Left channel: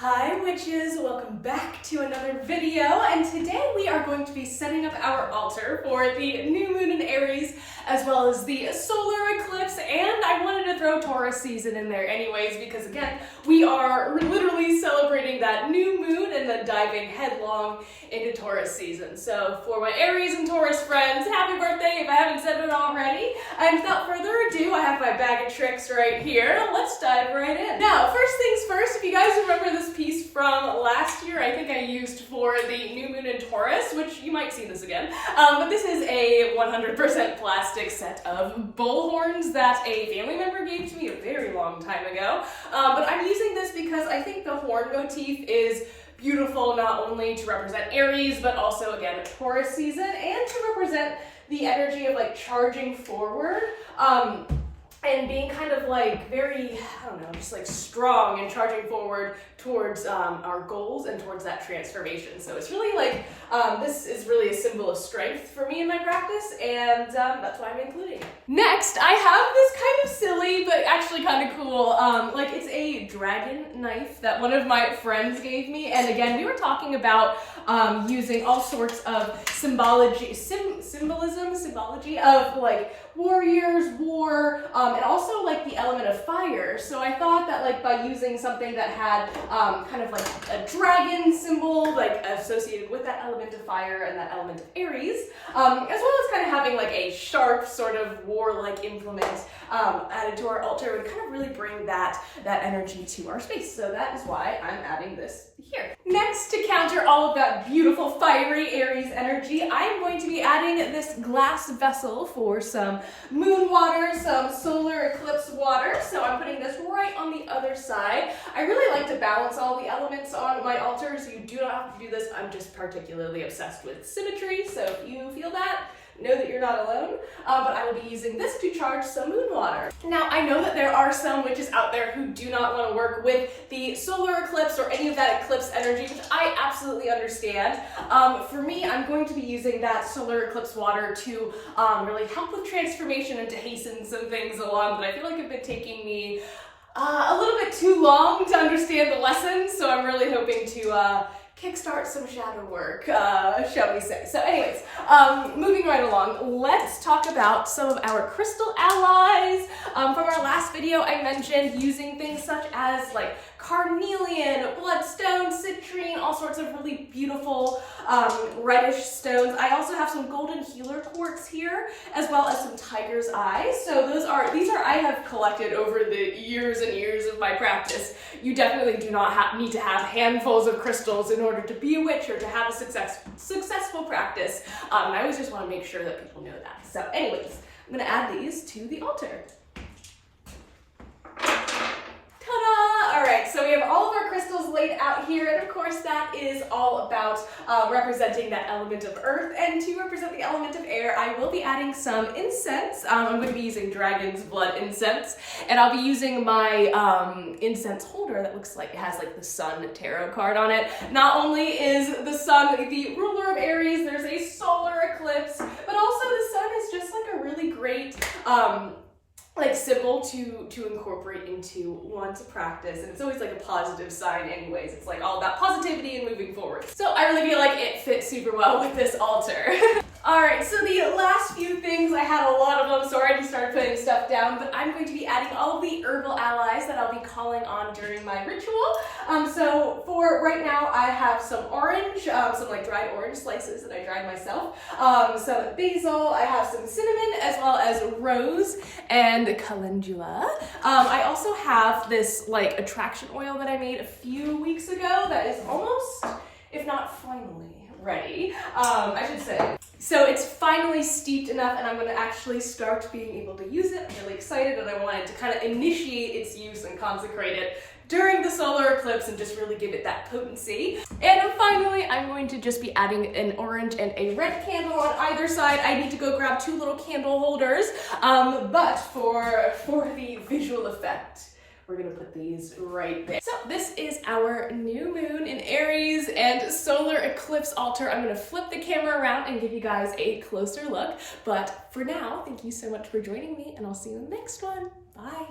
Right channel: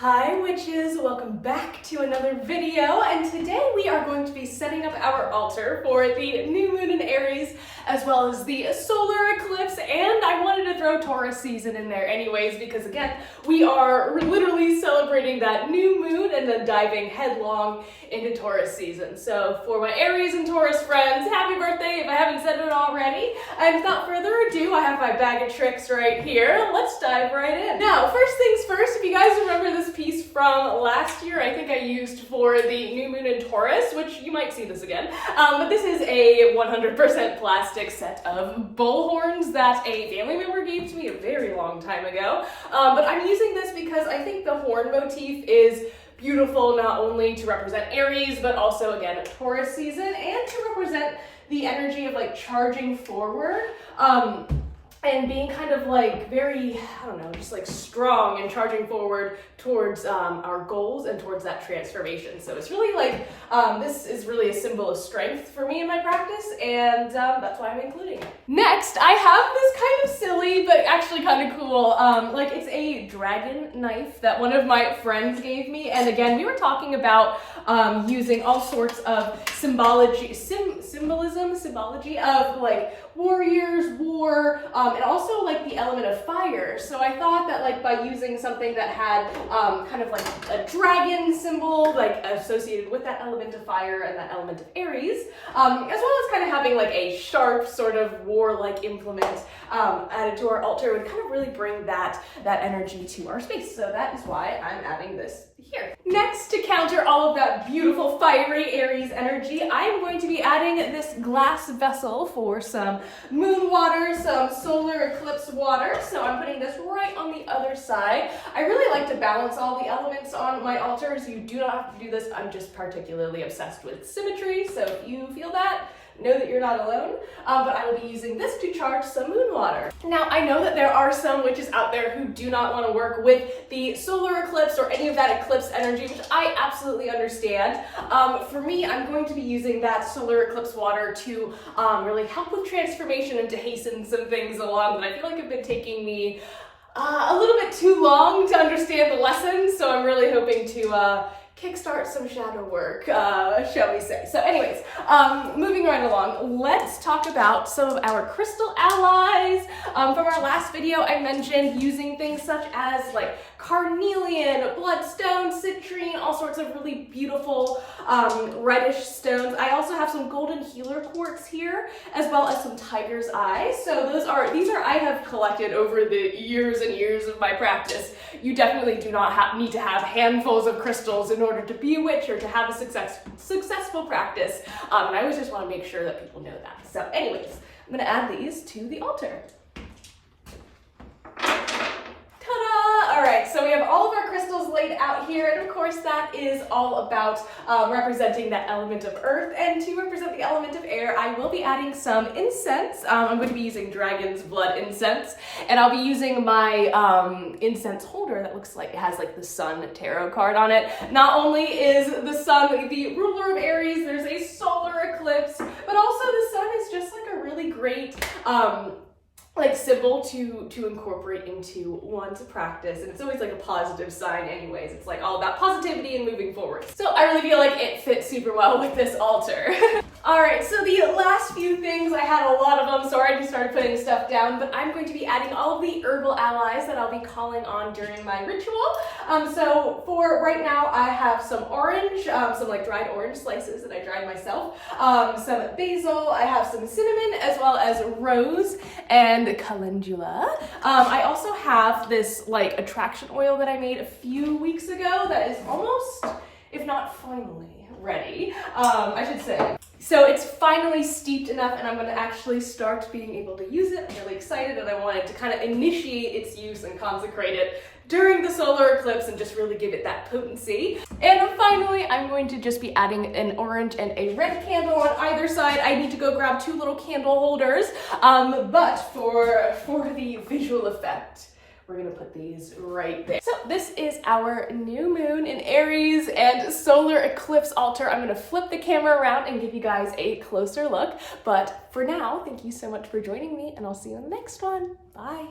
Hi witches, welcome back to another video, and today we are going to be setting up our altar for the new moon in Aries as well as the solar eclipse, and I wanted to throw Taurus season in there anyways because again we are literally celebrating that new moon and then diving headlong into Taurus season. So for my Aries and Taurus friends, happy birthday if I haven't said it already, and without further ado I have my bag of tricks right here. Let's dive right in. Now first things first, if you guys remember this piece from last year, I think I used for the new moon in Taurus, which you might see this again, but this is a 100% plastic set of bull horns that a family member gave to me a very long time ago, but I'm using this because I think the horn motif is beautiful not only to represent Aries, but also again Taurus season and to represent the energy of like charging forward, and being kind of like very, I don't know, just like strong and charging forward towards our goals and towards that transformation. So it's really like, this is really a symbol of strength for me in my practice, and that's why I'm including it. Next, I have this kind of silly, but actually kind of cool, like it's a dragon knife that one of my friends gave me, and again, we were talking about using all sorts of symbology of like warriors, war, and also like the element of fire. So I thought that like by using something that had kind of like a dragon symbol like associated with that element of fire and that element of Aries, as well as kind of having like a sharp sort of warlike implement added to our altar would kind of really bring that energy to our space. So that is why I'm adding this here. Next, to counter all of that beautiful fiery Aries energy, I am going to be adding this glass vessel for some moon water, some solar eclipse water. So I'm putting this right on the other side. I really like to balance all the elements on my altar, so you do not have to do this. I'm just particularly obsessed with symmetry, so if you feel that, know that you're not alone, but I will be using this to charge some moon water. Now, I know that there are some witches out there who do not want to work with the solar eclipse or any of that eclipse energy, which I absolutely understand. For me, I'm going to be using that solar eclipse water to really help with transformation and to hasten some things along that I feel like have been taking me a little bit too long to understand the lessons, so I'm really hoping to kickstart some shadow work, shall we say. So anyways, moving right along, let's talk about some of our crystal allies. From our last video, I mentioned using things such as like carnelian, bloodstone, citrine, all sorts of really beautiful reddish stones. I also have some golden healer quartz here, as well as some tiger's eye. So these are I have collected over the years and years of my practice. You definitely do not need to have handfuls of crystals in order to be a witch or to have a successful practice. And I always just want to make sure that people know that. So anyways, I'm going to add these to the altar. All right, so we have all of our crystals laid out here, and of course that is all about representing that element of earth, and to represent the element of air, I will be adding some incense. I'm going to be using dragon's blood incense, and I'll be using my incense holder that looks like it has like the sun tarot card on it. Not only is the sun the ruler of Aries, there's a solar eclipse, but also the sun is just like a really great like symbol to incorporate into one's practice, and it's always like a positive sign anyways. It's like all about positivity and moving forward. So I really feel like it fits super well with this altar. All right, so the last few things, I had a lot of them, so I already started putting stuff down, but I'm going to be adding all of the herbal allies that I'll be calling on during my ritual. So for right now, I have some orange, some like dried orange slices that I dried myself, some basil, I have some cinnamon, as well as rose and calendula. I also have this like attraction oil that I made a few weeks ago that is almost, if not finally, ready, I should say. So it's finally steeped enough, and I'm going to actually start being able to use it. I'm really excited, and I wanted to kind of initiate its use and consecrate it during the solar eclipse and just really give it that potency. And finally, I'm going to just be adding an orange and a red candle on either side. I need to go grab two little candle holders, but for the visual effect, we're gonna put these right there. So this is our new moon in Aries and solar eclipse altar. I'm gonna flip the camera around and give you guys a closer look. But for now, thank you so much for joining me, and I'll see you in the next one. Bye.